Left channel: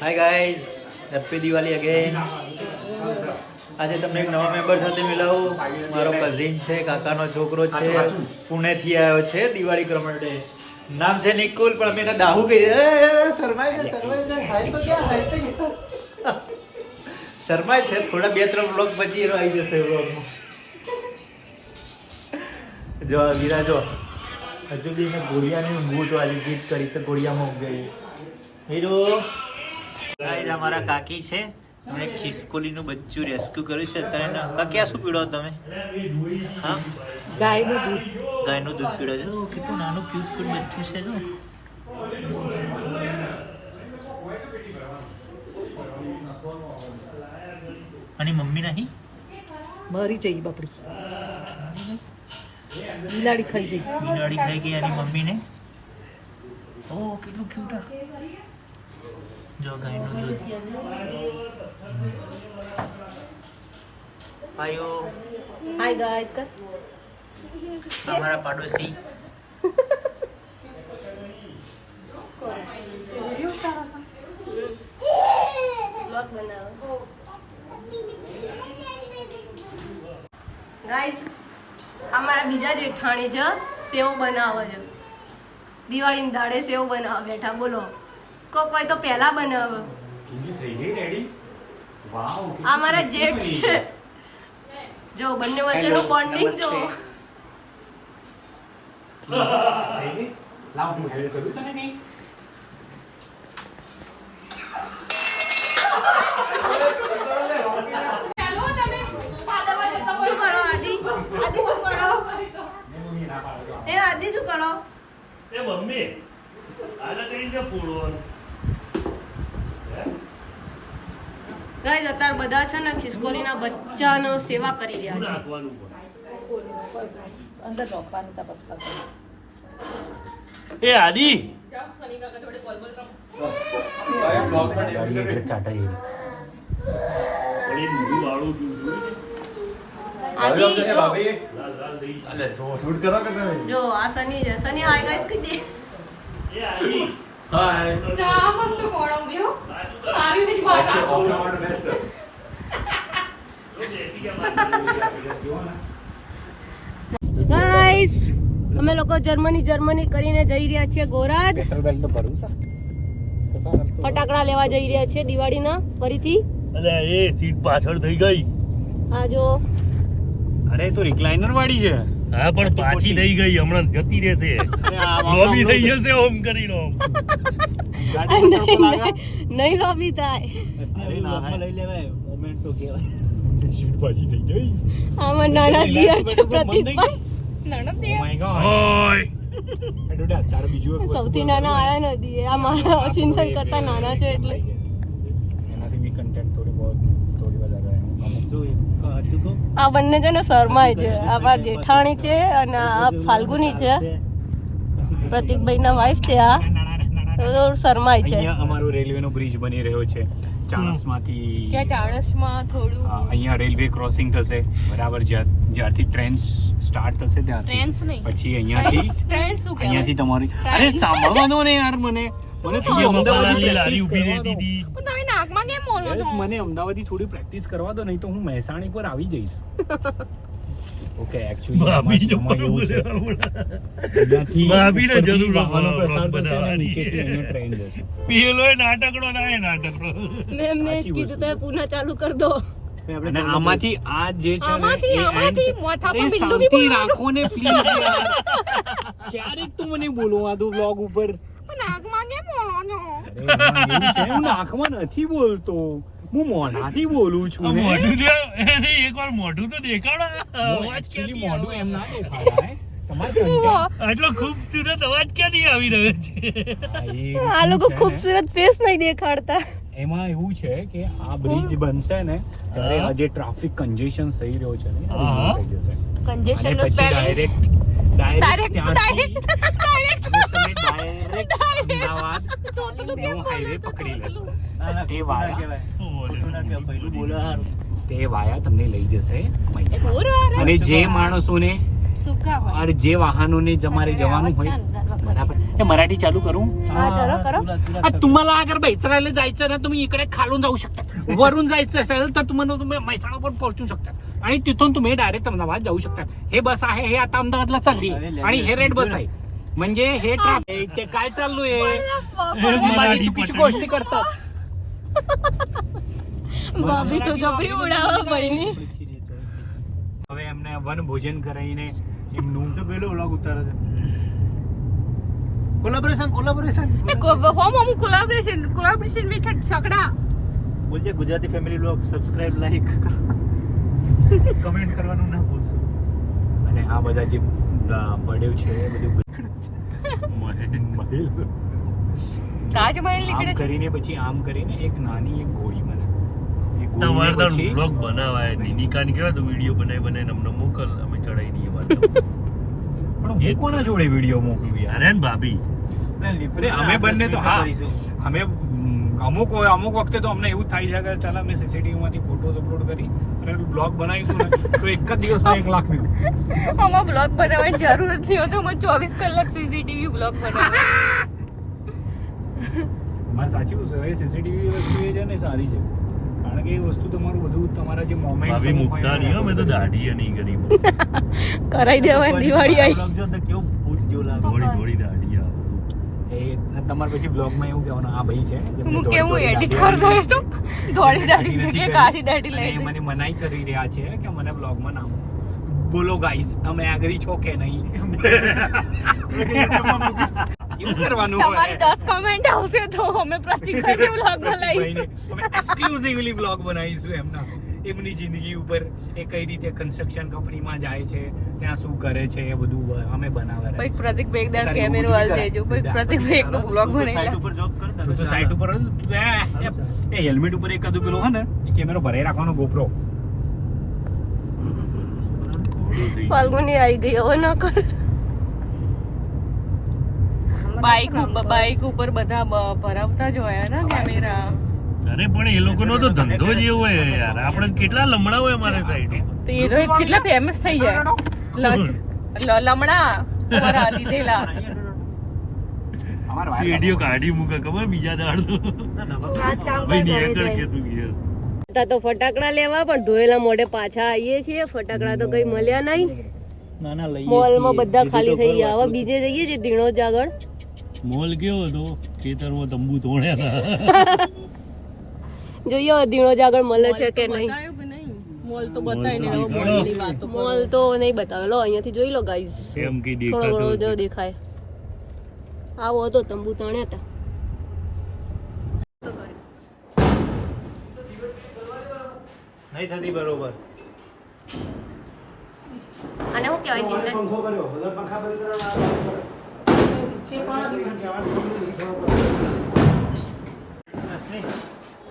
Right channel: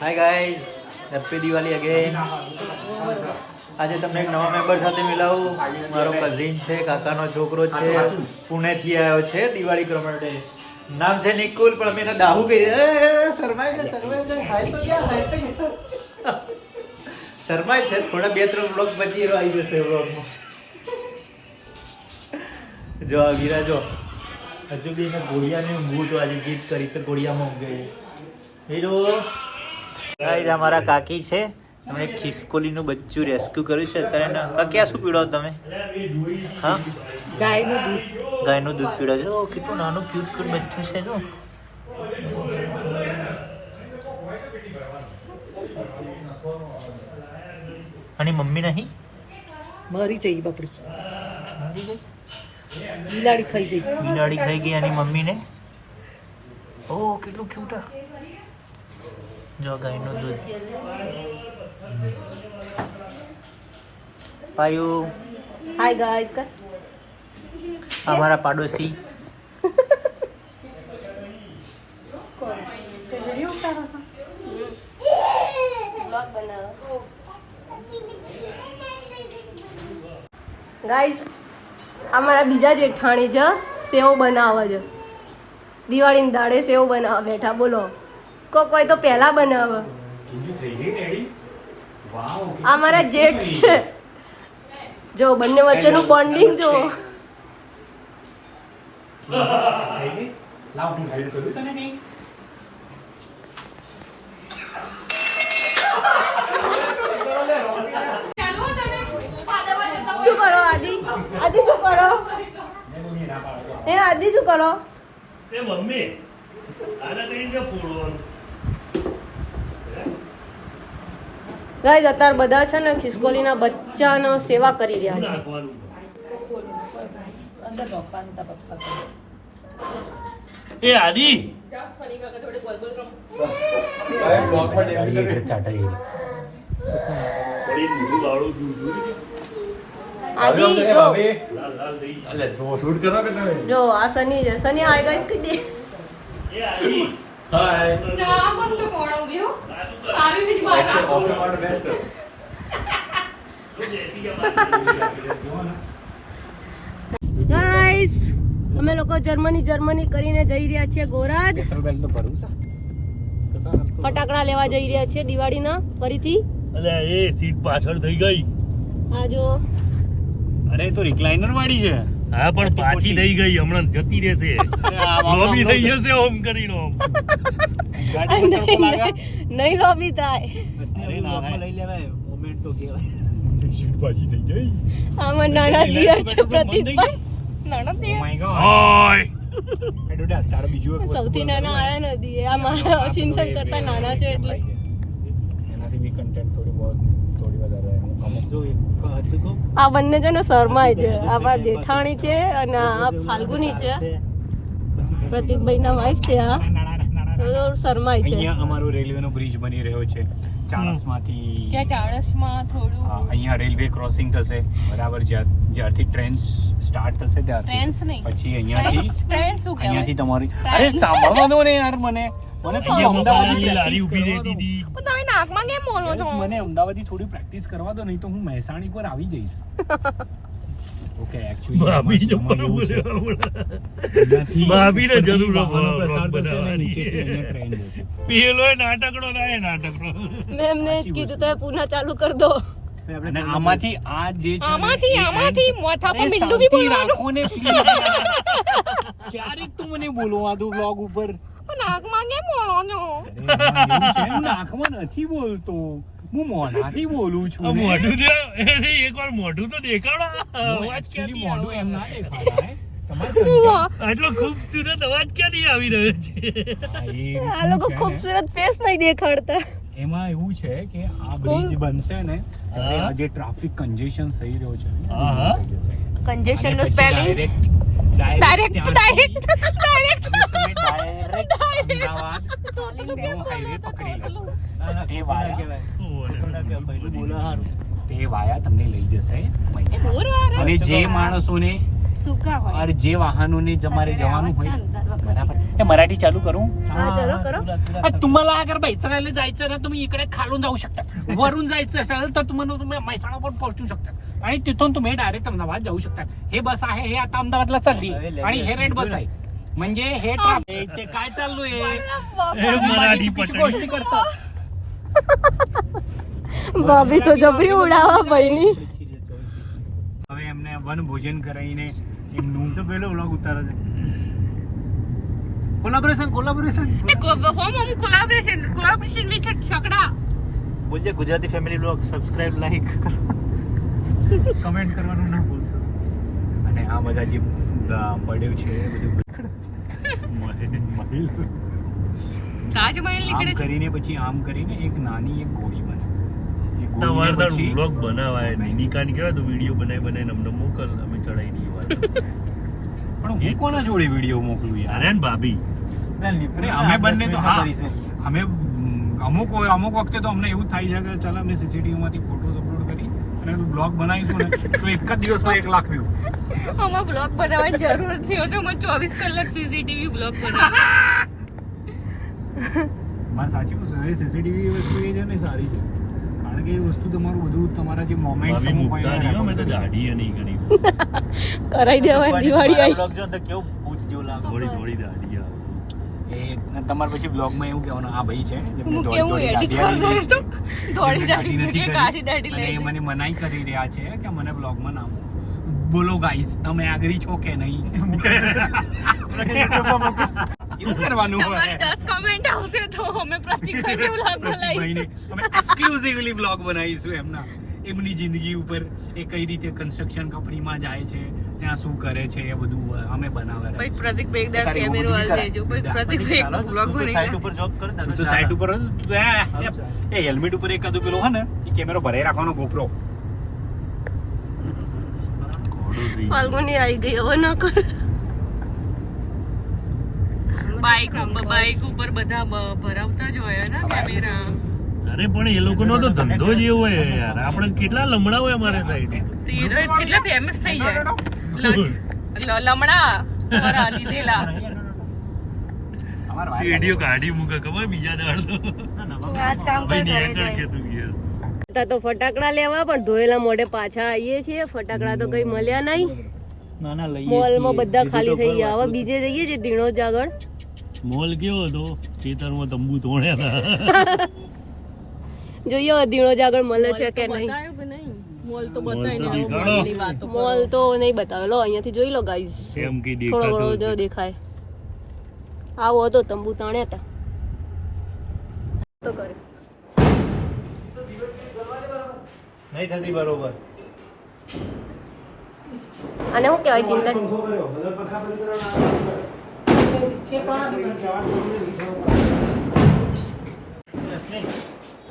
હાય guys, happy Diwali again. આજે તમને એક નવા મેમ્બર સાથે મિલાવું. મારો કઝિન છે, કાકાનો છોકરો છે, પુણેથી આવ્યો છે દિવાળી કરવા માટે. નામ છે નિકુલ, પણ અમે એને દાહુ કહીએ. શરમાય છે, હાય તો ક્યાં, હાય તો ક્યાં. શરમાય છે થોડા, 2-3 વ્લોગ પછી એનો આવી જશે વ્લોગમાં. જો આ વીરા જો હજુ બી એને ગોળિયાની ઊંઘવું તો આજે જીત કરી તો ગોળિયામાં ઊંઘ ગઈ. હીરો ગાઈઝ અમારા કાકી છે, એમણે ખિસકોલીનું બચ્ચું રેસ્ક્યુ કર્યું છે અત્યારે. કાકી આ શું પીડો તમે? હા, ગાયનું દૂધ. ગાયનું દૂધ પીડો છે. ઓ કેટલું નાનું ક્યુટ બચ્ચું છે. જો અને મમ્મી નહીં મરી જઈ બાપડી, બિલાડી ખાઈ જઈ. બિલાડી ખાઈ ગઈ અને મમ્મીને. ઓ કેટલું ક્યુટ. જો ગાયનું દૂધ પાયું. હાય ગાઈસ કર. અમારા પાડોશી ગાઈસ અમારા બીજા જેઠાણી છે, સેવ બનાવે છે. દિવાળીની દાડે સેવ બનાવવા બેઠા. બોલો, કોઈ તો પહેલા બનાવે. આ મારા જેઠ છે. જો બંને વચ્ચેનું બોન્ડિંગ જો. શું કરો આદિ? આદિ શું કરો? એ આદિ શું કરો? એ મમ્મી આને કઈ કે પૂરો ગાઈસ અત્યારે બધા છે ને ખિસકોલીના બચ્ચાનો સેવા કરી રહ્યા છે. નાખવાનું એ આદિ પડી મૂળ વાળું દૂધ આદિ જો લાલ લાલ થઈ જો આ સની છે. સની હાય ગાઈસ કહી દે. એ આદિ ગાઈસ અમે લોકો જર્મની કરીને જઈ રહ્યા છીએ ગોરાજ. ફટાકડા લેવા જઈ રહ્યા છીએ દિવાળીના ફરીથી. અલે એ સીટ પાછળ થઈ ગઈ. આ જો અરે તો રિક્લાઇનર વાળી છે. હા પણ પાછી થઈ ગઈ, હમણાં જતી રહેશે. લોબી થઈ જશે ઓમ કરીને ઓમ. નહીં લોબી થાય. લઈ લેવાય મોમેન્ટ તો કહેવાય. સીટ પાછી થઈ ગઈ. આમાં નાના દિયર છે પ્રતિકભાઈ. ઓય સૌથી નાના આયા નથી. આ મારા ચિંતન કરતા નાના છે એટલે. એનાથી બી કન્ટેન્ટ થોડી વધારે. આ બંને છે ને શર્માય છે. આ મારા જેઠાણી છે અને આ ફાલ્ગુની છે, પ્રતિકભાઈ ના વાઈફ છે. આ શર્માય છે. અહીંયા અમારો રેલવે નો બ્રિજ બની રહ્યો છે ચાણસમાંથી. ચાણસમાં થોડું અહીંયા રેલવે ક્રોસિંગ થશે બરાબર. જ્યારથી ટ્રેન સ્ટાર્ટ થશે ત્યારથી પછી અહીંયાથી તમારી અરે સાંભળવા દો ને યાર. મને અહીંયા મફાલાલની લારી ઊભી રહેતી હતી. મને અમદાવાદી થોડી પ્રેક્ટિસ કરવા દો, નહીં તો હું મહેસાણી પર આવી જઈશ. ઓકે ભાભી જો ભાભીને જરૂર પેલો નાટકડો ના એ નાટકડો. મેં એમને જ કીધું તો પુનઃ ચાલુ કરી દો. અને આમાંથી આ જે છે ને એ શાંતિ રાખો ને પ્લીઝ યાર. ક્યારેક તું મને બોલવા દો બ્લોગ ઉપર. હું નાકમાં નથી બોલતો, હું મોઢાથી બોલું છું ને. મોઢું એકવાર મોઢું તો દેખાડો. અવાજ ક્યાંથી મોઢું એમ ના દેખાય. આટલો ખૂબસૂરત અવાજ ક્યાંથી આવી રહ્યો છે? આ લોકો ખૂબસૂરત ફેસ નહીં દેખાડતા. એમાં એવું છે કે આ બ્રિજ બનશે ને ત્યારે આ જે ટ્રાફિક કન્જેશન થઈ રહ્યો છે ને હા. થઈ જશે. Congestion અને નો પછી spelling? ડાયરેક્ટ હાઈવે પકડી લેશો. તે વાયા તમને લઈ જશે મહીસાગર. અને જે માણસોને और जे वाहनोने जमारे जवानू होय बराबर हे मराठी चालू करू हा चलो करो तुम्हाला अगर बैचरायला जायचं ना तुम्ही इकडे खालून जाऊ शकता वरून जायचं असेल तर तुम्ही म्हैसाणा पण पोहोचू शकता आणि तिथून तुम्ही डायरेक्ट अहमदाबाद जाऊ शकता हे बस आहे हे आता अहमदाबादला चालली आणि हे रेड बस आहे म्हणजे हे ट्रॅफिक ते काय चालू आहे चुकीची गोष्टी करतात ભાભી તો જબરી ઉડાવા ભાઈની હવે એમને વન ભોજન કરાવીને એમનું તો પેલો વ્લોગ ઉતારે છે કોલાબોરેશન વિથ છકડા બોલજે Gujarati family blog subscribe like comment કરવાનું ના ભૂલશો અને આ બધા જે પડ્યું છે એ બધું આમ કરીને પછી આમ કરીને એક નાની એક ગોળી બને એ ગોળીને પછી બ્લોગ બનાવાય નિકાની કહેવાય તો વિડીયો બનાવીને અમને મોકલ અમે ચડાવી દઈએ પણ હું કોના જોડે વિડીયો મોકલું યાર અરે ભાભી અમે બંને તો હા અમે અમુક વખતે તો અમને એવું થાય છે કે ચાલ અમે સીસીટીવી માંથી ફોટોઝ અપલોડ કરી અને બ્લોગ બનાવીશું ને તો એક જ દિવસમાં 1 લાખ વ્યૂ આમાં બ્લોગ બનાવવાની જરૂર નથી હોતી મને 24 કલાક સીસીટીવી બ્લોગ બનાવવા મારે સાચું છે એ સીસીટીવી વસ્તુ એ છે ને સારી છે કારણ કે એ વસ્તુ તમારું બધું તમારા જે મોમેન્ટ્સ ભાભી મુકતા નહીં હો, મેં તો દાઢી નહીં કરી કરાઈ દેવાય દિવાળી બ્લોગ જો તો કેવું ભૂત જેવું લાગે થોડી થોડી દાઢી એ તમારે પછી બ્લોગમાં એવું કહેવાનું આ ભાઈ છે જેમને હું દોડી કેવું દોડી edit દાઢી આવી કરતો રહી છે થોડી દાઢી નથી નથી કાઢી દાઢી કરી અને લઈ મને મનાઈ કરી રહ્યા છે કે મને બ્લોગમાં નામ બોલો ગાઈસ તમે આગળ છો કે નહીં એવું કરવાનું તમારી હોય 10 કમેન્ટ આવશે તો અમે પ્રતિકભાઈને બ્લોગ પ્રતિકભાઈને બનાવીશું અમે એક્સક્લુઝિવલી બ્લોગ બનાવીશું એમના એમની જિંદગી ઉપર એ કઈ રીતે કન્સ્ટ્રક્શન કંપનીમાં જાય છે ત્યાં શું કરે છે એ બધું અમે બનાવે કોઈ પ્રતિકભાઈ એકદમ તારે એવું કેમેરો બધું હાલ કરાય. દેજો કોઈ પ્રતિકભાઈ એકદમ બ્લોગ સાઈડ બનાવી ઉપર જોબ કર તું તો સાઈડ ઉપર જ તું એ હેલ્મેટ ઉપર એકાદું પેલો હોય ને એ કેમેરો ભરાઈ રાખવાનો ગોપ્રો ફાલ્ગુની આવી ગઈ હવે ન કર બાઇક ઉપર બધા ભરાવતા જ હોય ને કેમેરા અરે પણ એ લોકોનો તો ધંધો જ એવો હોય યાર આપણે કેટલા લમણા હોય અમારી સાઈડ તો એ કેટલા ફેમસ થઈ જાય લમણા તમારા લીધેલા વિડીયો કાઢી મૂકે ખબર બીજા દાડ તો આજ કામ ભાઈ નિયંત્રણ કે તું યાર તો ફટાકડા લેવા પણ ધોયેલા મોઢે પાછા આવીએ છીએ ફટાકડા તો કઈ મળ્યા નહીં ના ના લઈ મોલમાં બધા ખાલી થઈ ગયા હવે બીજે જઈએ છીએ ધીણોજ આગળ મોલ કેવો હતો ખેતરમાં તંબુ તોડ્યા જોઈએ હવે ધીણોજ આગળ મળે છે કે નહીં બતાવ્યું કે નહીં મોલ તો બતાવીને મોલ તો મોલની વાતો મોલ તો નહીં બતાવેલો અહીંયાથી જોઈ લો ગાઈઝ એમ કઈ થોડો દેખાતો ઘણો જો દેખાય આવો હતો તંબુ તાણ્યા હતા તો કરે નહીં થતી બરોબર અને શું કહેવાય ચિંતન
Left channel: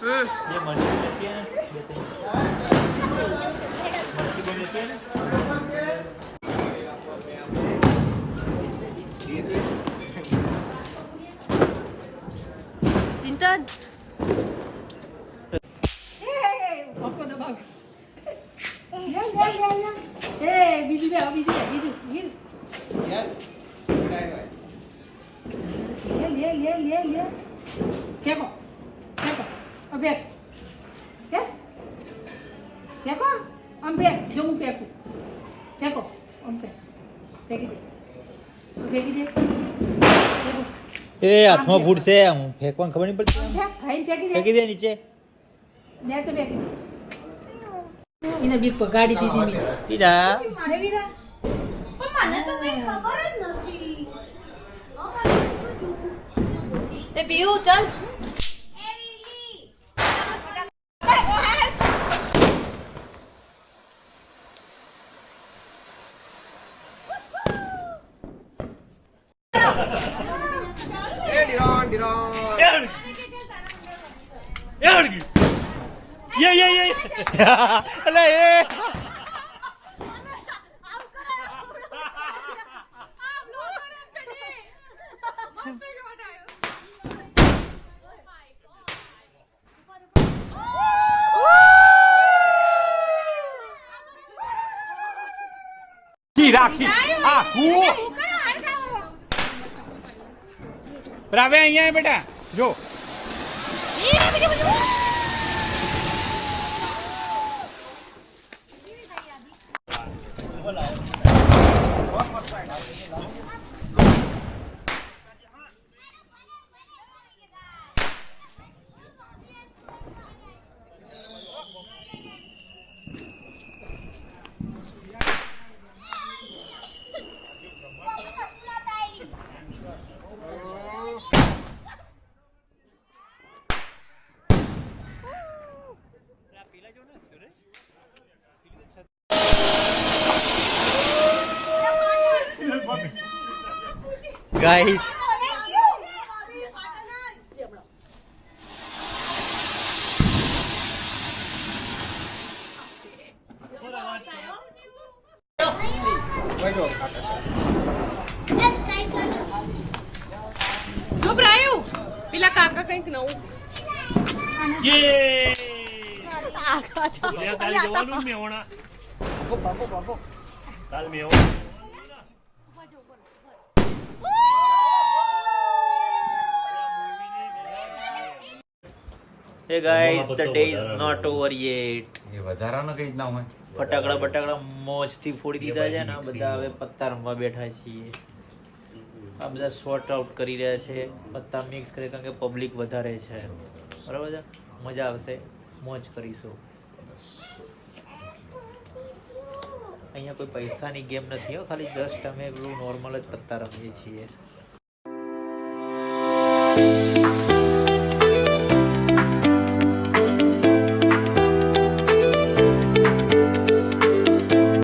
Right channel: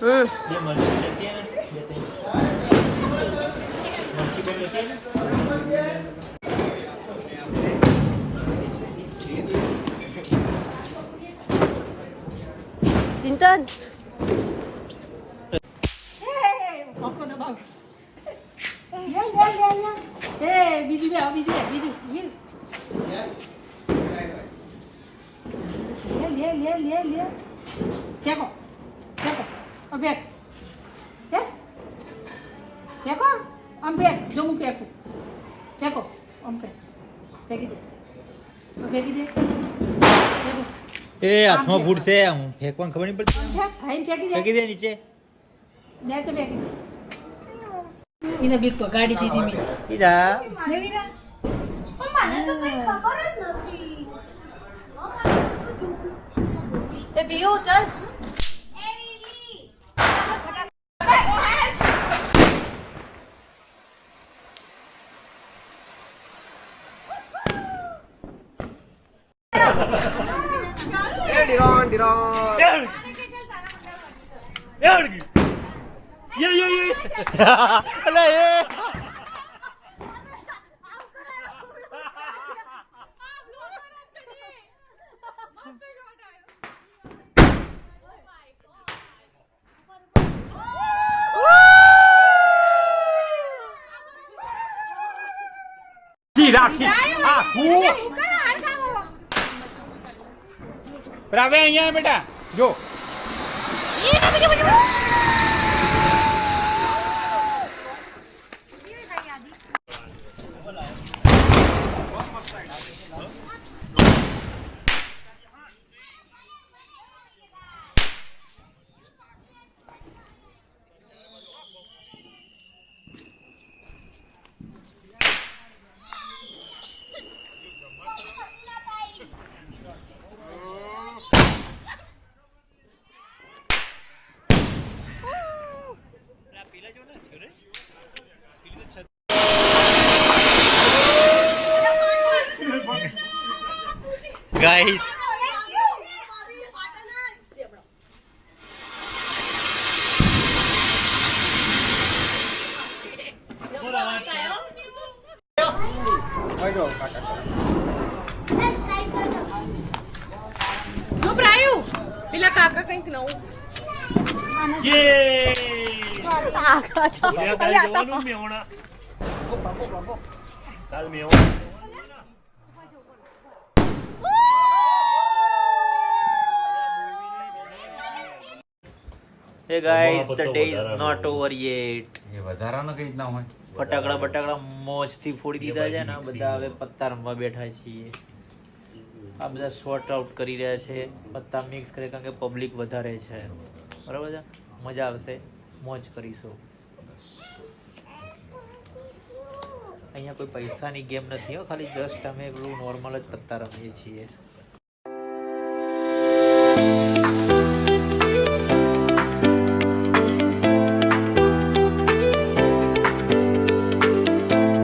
હમ બે મરચી લેતી આય ને, બે ત્રણ. મરચી પણ લેતી આય ને. ચિંતન એ હાથમાં ફૂટશે હું ફેંકવાનું ખબર નહીં પડતી ફેંકી દે નીચે એને બીક પગાડી દીધી મેં ઈરા એ પીયું ચાલ અલે એ રાખી આ હું રાવે અહીંયા બેટા જો ગાઈસ જો બ્રાયુ પેલા કાકા કંઈક નવું યે જવાનું મેવણા કાલ મેવણા hey guys the day is not over yet એ વધારાનો કઈ રીતના હોય ફટાકડા મોજથી ફોડી દીધા છે ને બધા હવે પત્તા રમવા બેઠા છીએ આ બધા શોર્ટ આઉટ કરી રહ્યા છે પત્તા મિક્સ કરે કારણ કે પબ્લિક વધારે છે બરાબર છે મજા આવશે મોજ કરીશું અહીંયા કોઈ પૈસાની ગેમ નથી હો ખાલી જસ્ટ અમે પેલું નોર્મલ જ પત્તા રમીએ છીએ